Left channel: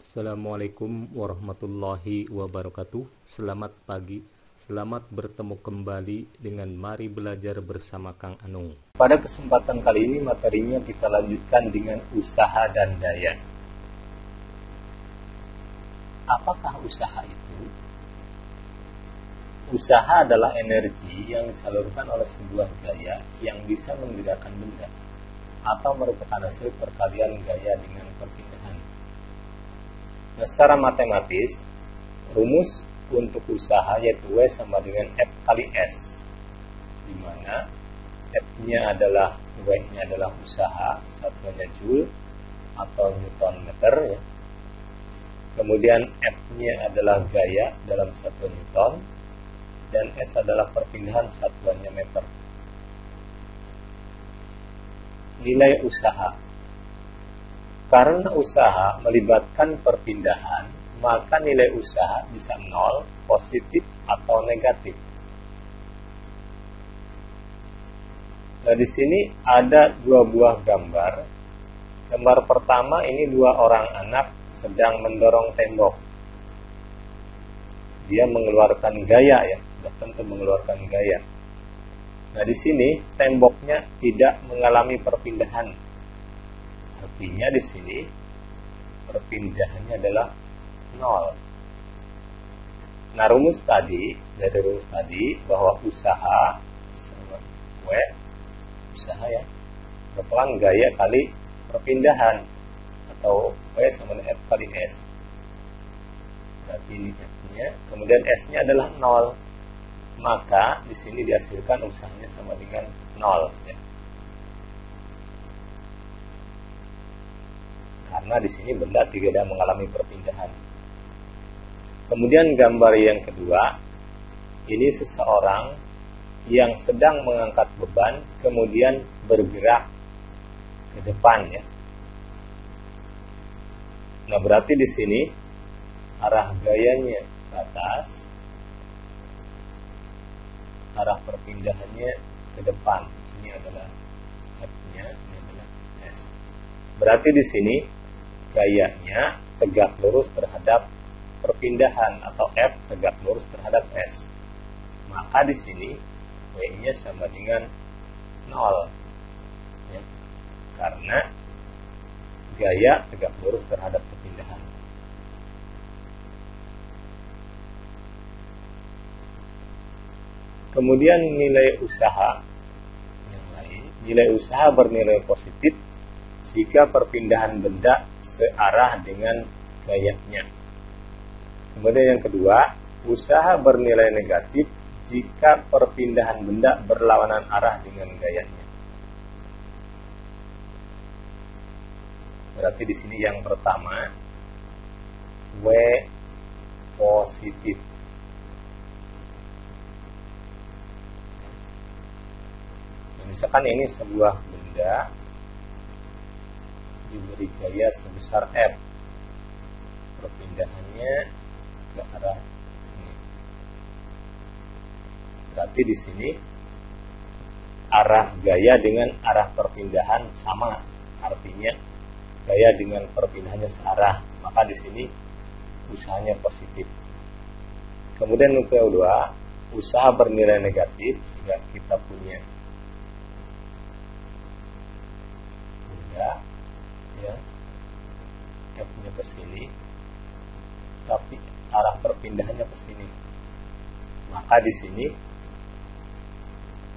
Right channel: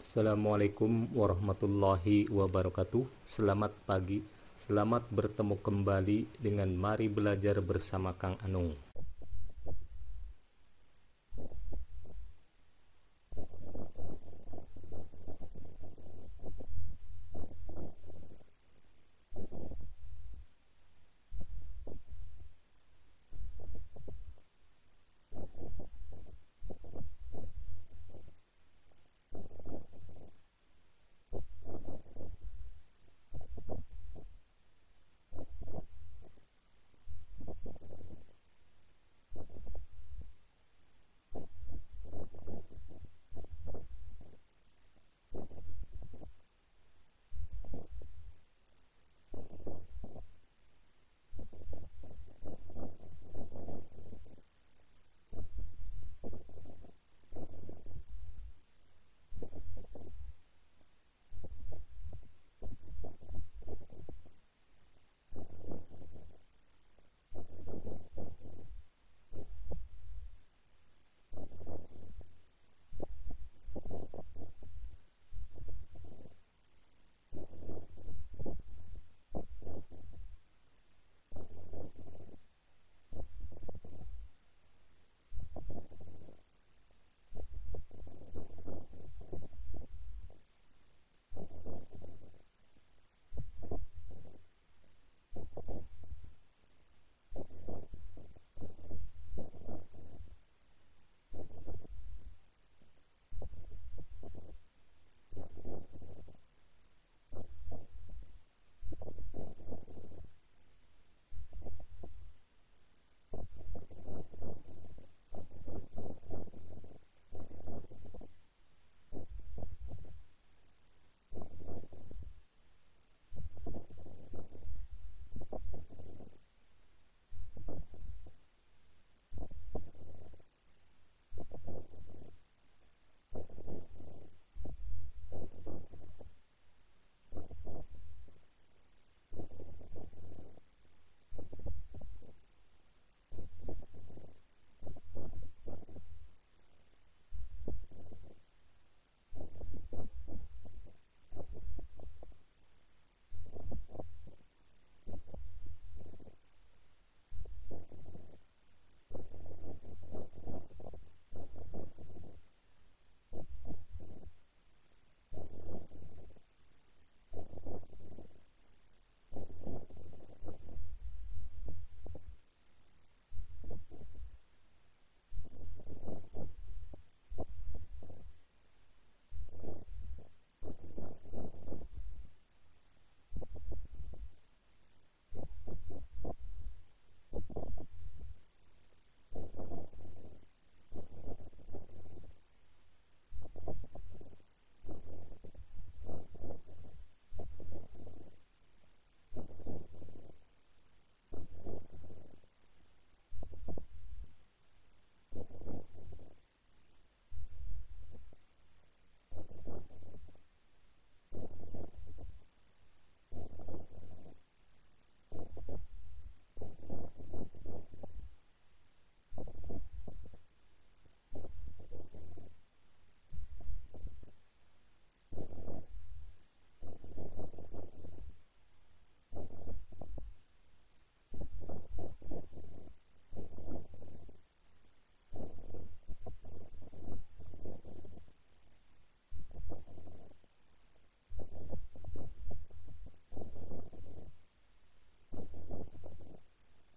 Assalamualaikum warahmatullahi wabarakatuh. Selamat pagi. Selamat bertemu kembali dengan Mari Belajar bersama Kang Anung. Pada kesempatan kali ini materinya kita lanjutkan dengan usaha dan daya. Apakah usaha itu? Usaha adalah energi yang disalurkan oleh sebuah gaya yang bisa menggerakkan benda atau merupakan hasil perkalian gaya dengan perpindahan. Nah, secara matematis, rumus untuk usaha yaitu W sama dengan F kali S, di mana F-nya adalah W-nya adalah usaha, satuannya Joule atau Newton meter ya. Kemudian F-nya adalah gaya dalam satuan Newton, dan S adalah perpindahan, satuannya meter. Nilai usaha. Karena usaha melibatkan perpindahan, maka nilai usaha bisa 0, positif, atau negatif. Nah, di sini ada dua buah gambar. Gambar pertama ini dua orang anak sedang mendorong tembok. Dia mengeluarkan gaya ya, sudah tentu mengeluarkan gaya. Nah, di sini temboknya tidak mengalami perpindahan. Artinya di sini perpindahannya adalah 0. Nah, dari rumus tadi bahwa usaha sama W, usaha ya, merupakan gaya kali perpindahan, atau W sama dengan F kali S. Berarti ini F-nya, kemudian S-nya adalah 0. Maka di sini dihasilkan usahanya sama dengan 0 ya. Karena di sini benda tidak mengalami perpindahan. Kemudian gambar yang kedua, ini seseorang yang sedang mengangkat beban kemudian bergerak ke depan ya. Nah, berarti di sini arah gayanya ke atas, arah perpindahannya ke depan. Ini adalah F-nya, ini adalah S. Berarti di sini gayanya tegak lurus terhadap perpindahan, atau F tegak lurus terhadap S. Maka di sini W-nya sama dengan 0 ya, karena gaya tegak lurus terhadap perpindahan. Kemudian nilai usaha yang lain, nilai usaha bernilai positif jika perpindahan benda searah dengan gayanya. Kemudian yang kedua, usaha bernilai negatif jika perpindahan benda berlawanan arah dengan gayanya. Berarti di sini yang pertama W positif. Misalkan ini sebuah benda diberi gaya sebesar F, perpindahannya ke arah sini. Berarti di sini arah gaya dengan arah perpindahan sama, artinya gaya dengan perpindahannya searah, maka di sini usahanya positif. Kemudian yang kedua, usaha bernilai negatif jika kita punya ya, F-nya ke sini, tapi arah perpindahannya ke sini. Maka di sini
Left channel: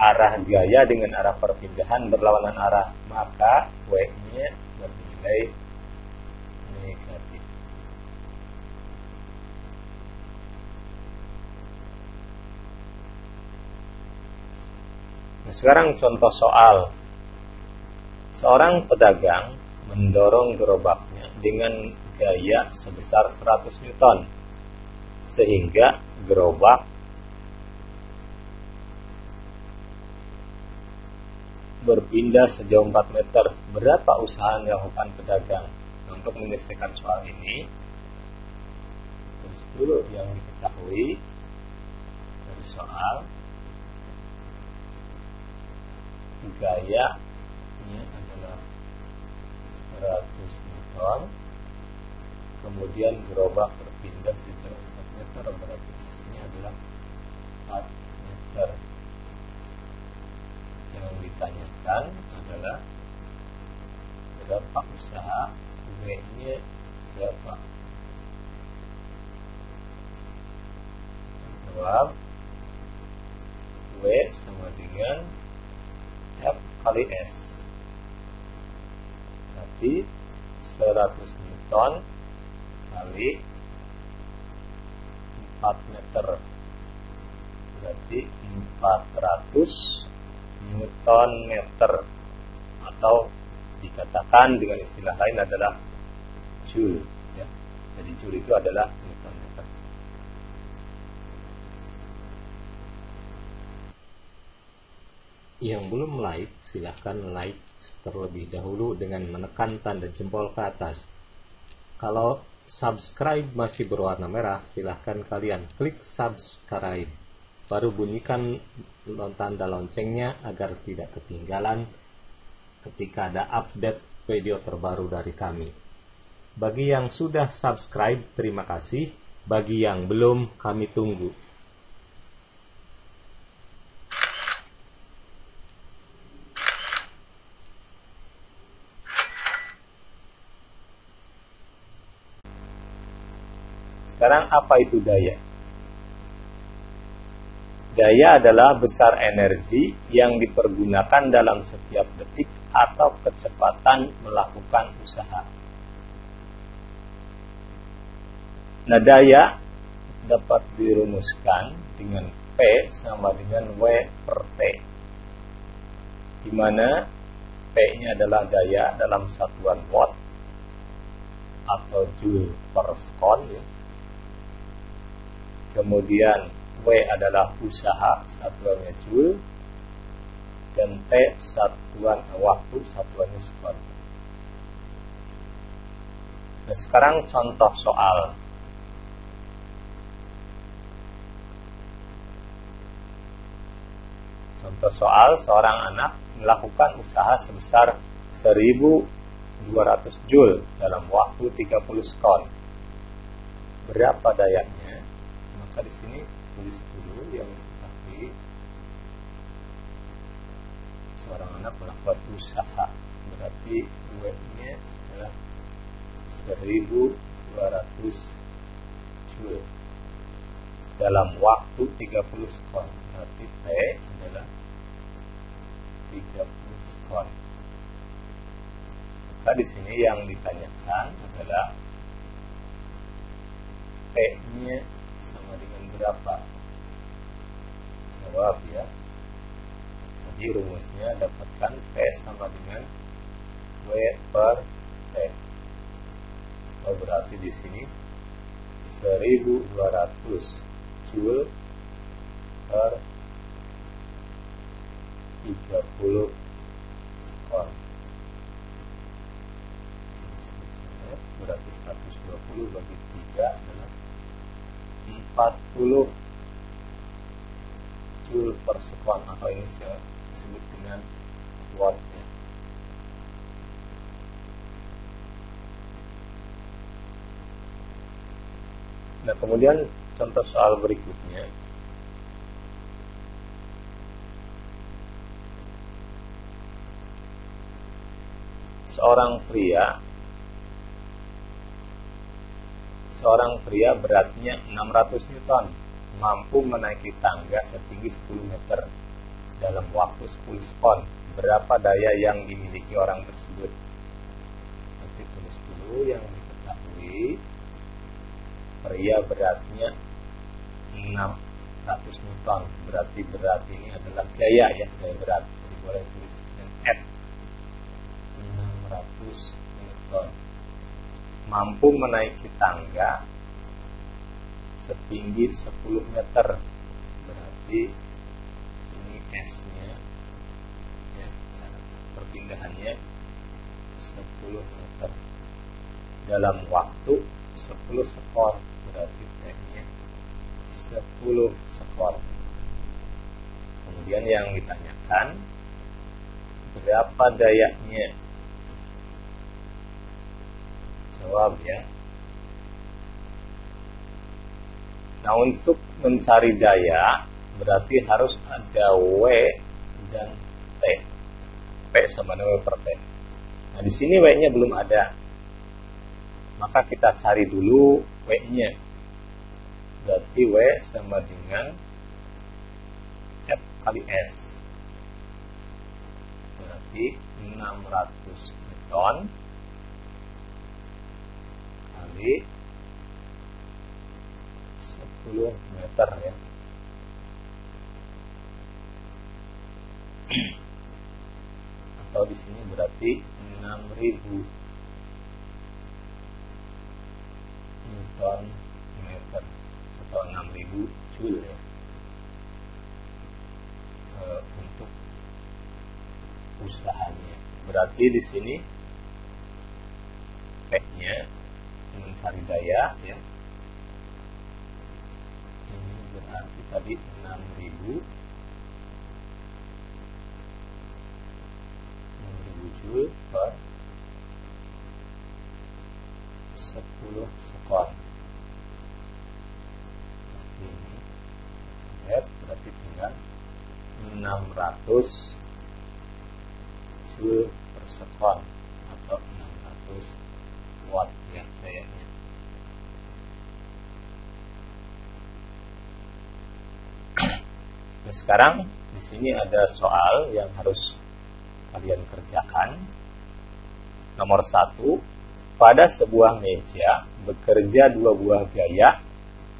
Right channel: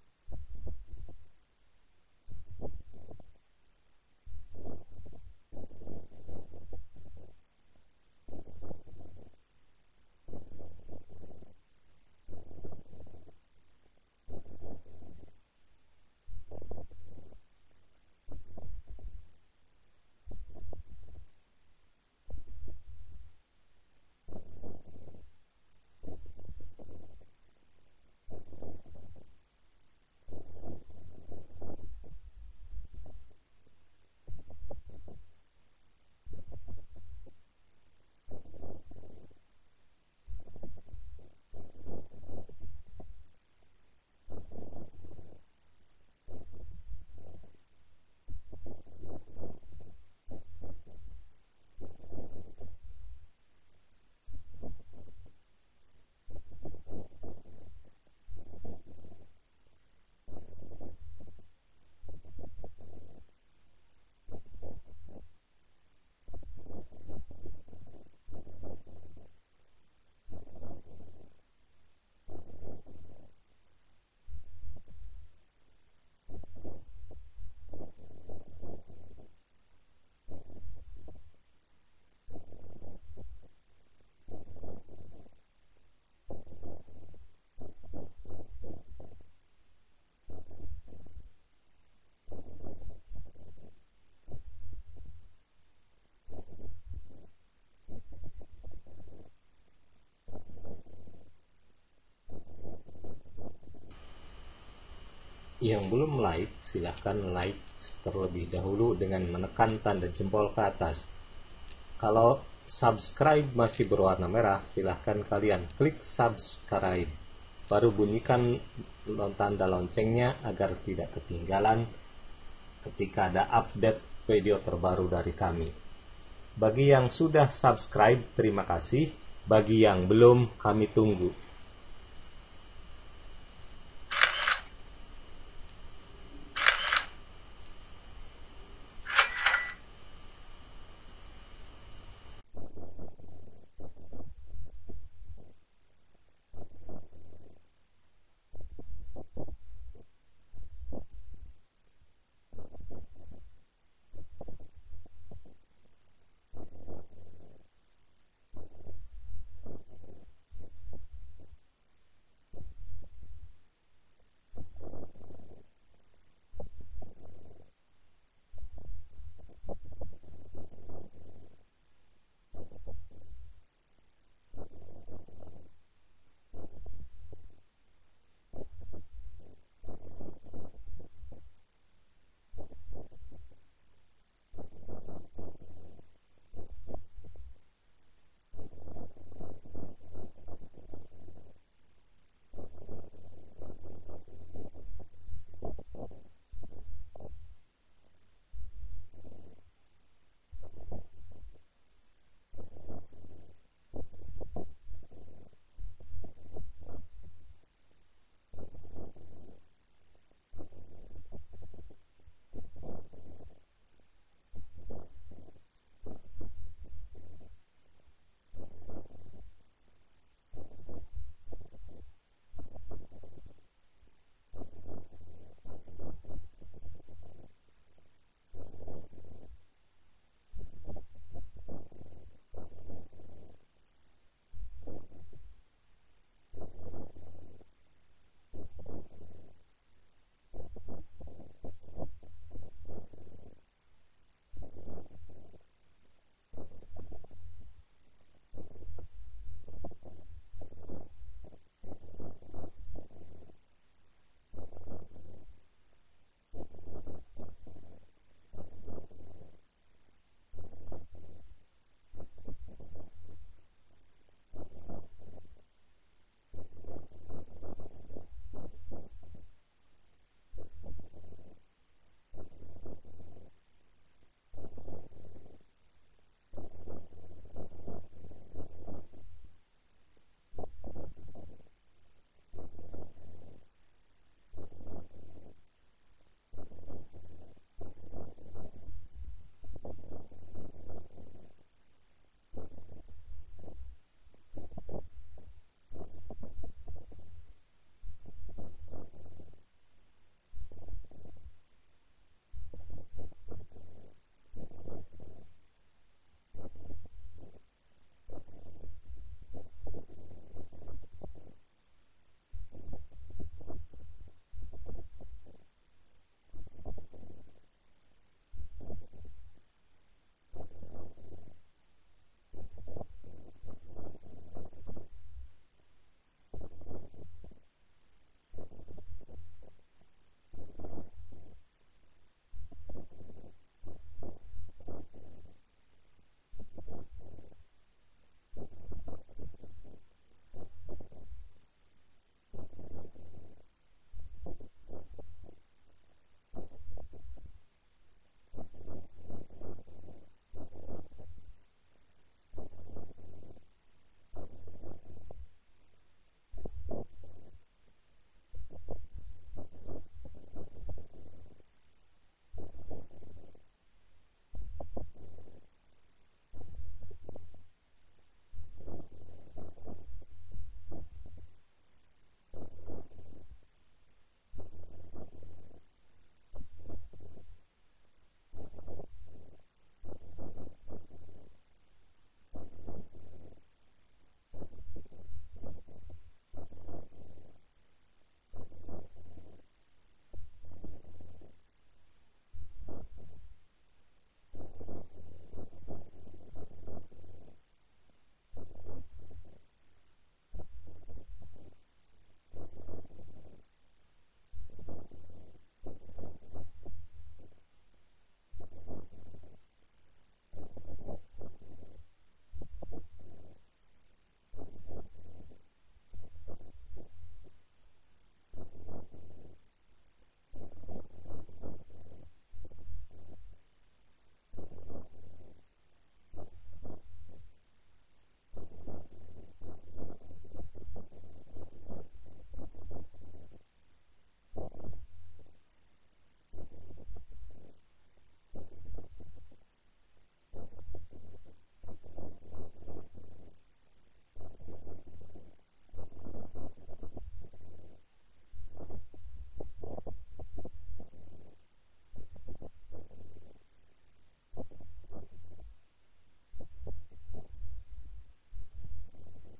arah gaya dengan arah perpindahan berlawanan arah, maka W-nya bernilai negatif. Nah, sekarang contoh soal. Seorang pedagang mendorong gerobaknya dengan gaya sebesar 100 Newton sehingga gerobak berpindah sejauh 4 meter. Berapa usaha yang dilakukan pedagang? Untuk menyelesaikan soal ini, tulis dulu yang diketahui dari soal. Gaya ini adalah 100 Newton, kemudian gerobak berpindah sejauh 4 meter, berarti S-nya adalah 4 meter. Yang ditanyakan adalah berapa usaha, W-nya berapa? Jawab, W sama dengan F kali S. Berarti 100 Newton kali 4 meter. Berarti 400 Newton meter, atau dikatakan dengan istilah lain adalah Joule, ya. Jadi Joule itu adalah Newton meter. Yang belum like, silahkan like terlebih dahulu dengan menekan tanda jempol ke atas. Kalau subscribe masih berwarna merah, silahkan kalian klik subscribe. Baru bunyikan tanda loncengnya agar tidak ketinggalan ketika ada update video terbaru dari kami. Bagi yang sudah subscribe, terima kasih. Bagi yang belum, kami tunggu. Sekarang apa itu daya? Daya adalah besar energi yang dipergunakan dalam setiap detik atau kecepatan melakukan usaha. Nah, daya dapat dirumuskan dengan P sama dengan W per T, di mana P-nya adalah daya dalam satuan watt atau joule per sekon, ya. Kemudian W adalah usaha, satuannya joule, dan T satuan waktu, satuannya sekon. Nah, sekarang contoh soal. Contoh soal, seorang anak melakukan usaha sebesar 1200 joule dalam waktu 30 sekon. Berapa dayanya? Maka di sini tulis dulu yang pasti. Seorang anak melakukan usaha, berarti W-nya adalah 1200 joule dalam waktu 30 sekon. Berarti T adalah 30 sekon. Maka di sini yang ditanyakan adalah P-nya sama dengan berapa? Jawab, ya. Jadi rumusnya dapatkan P sama dengan W per T. Oh, berarti di sini 1200 joule per 30 sekon. Berarti 120 bagi 3 adalah 40 joule per sekon, atau ini saya sebut dengan watt, ya. Nah, kemudian contoh soal berikutnya. Seorang pria beratnya 600 Newton mampu menaiki tangga setinggi 10 meter dalam waktu 10 sekon. Berapa daya yang dimiliki orang tersebut? Nanti tulis dulu yang diketahui. Pria beratnya 600 Newton, berarti berat ini adalah gaya, ya, gaya berat. Jadi boleh tulis dengan F. 600 Newton. Mampu menaiki tangga setinggi 10 meter, berarti ini S-nya, ya, perpindahannya 10 meter dalam waktu 10 sekon, berarti T-nya 10 sekon. Kemudian yang ditanyakan berapa dayanya? Jawab, ya. Nah, untuk mencari daya berarti harus ada W dan T. P sama dengan W per T. Nah, di sini W-nya belum ada. Maka kita cari dulu W-nya. Berarti W sama dengan F kali S. Berarti 600 Newton kali 10 meter ya. Atau di sini berarti 6000 Newton meter atau 6000 Joule ya. Untuk usahanya. Berarti di sini P-nya mencari daya ya. Ini berarti tadi 6000 Joule per 10 sekon. Ini berarti tinggal 600 Joule per sekon atau 600 watt ya dayanya. Nah, sekarang di sini ada soal yang harus kalian kerjakan. Nomor 1, pada sebuah meja bekerja dua buah gaya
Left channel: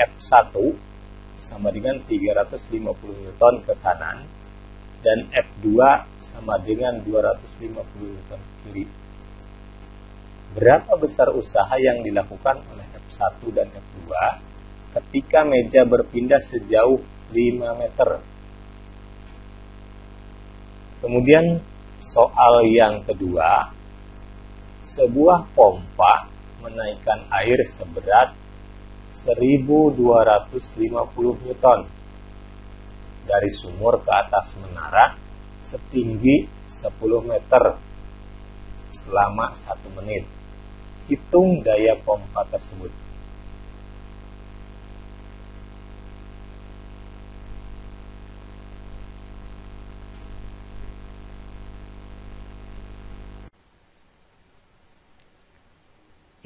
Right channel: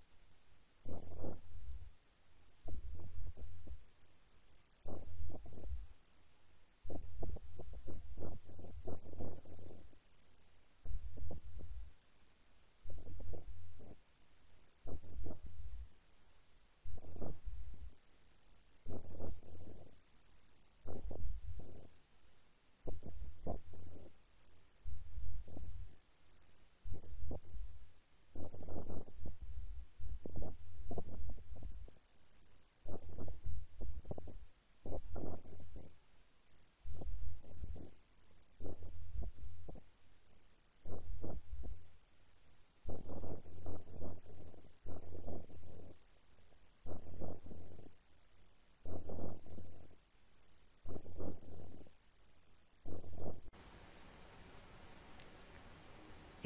F1 sama dengan 350 Newton ke kanan dan F2 sama dengan 250 Newton ke kiri. Berapa besar usaha yang dilakukan oleh F1 dan F2 ketika meja berpindah sejauh 5 meter? Kemudian soal yang kedua, sebuah pompa menaikkan air seberat 1250 Newton dari sumur ke atas menara setinggi 10 meter selama 1 menit. Hitung daya pompa tersebut.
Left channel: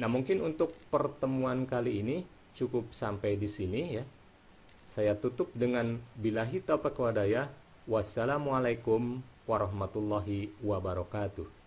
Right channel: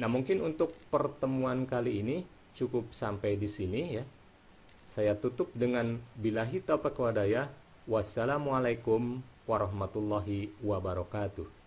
Nah, mungkin untuk pertemuan kali ini cukup sampai di sini ya. Saya tutup dengan billahi taufiq wal hidayah. Wassalamualaikum warahmatullahi wabarakatuh.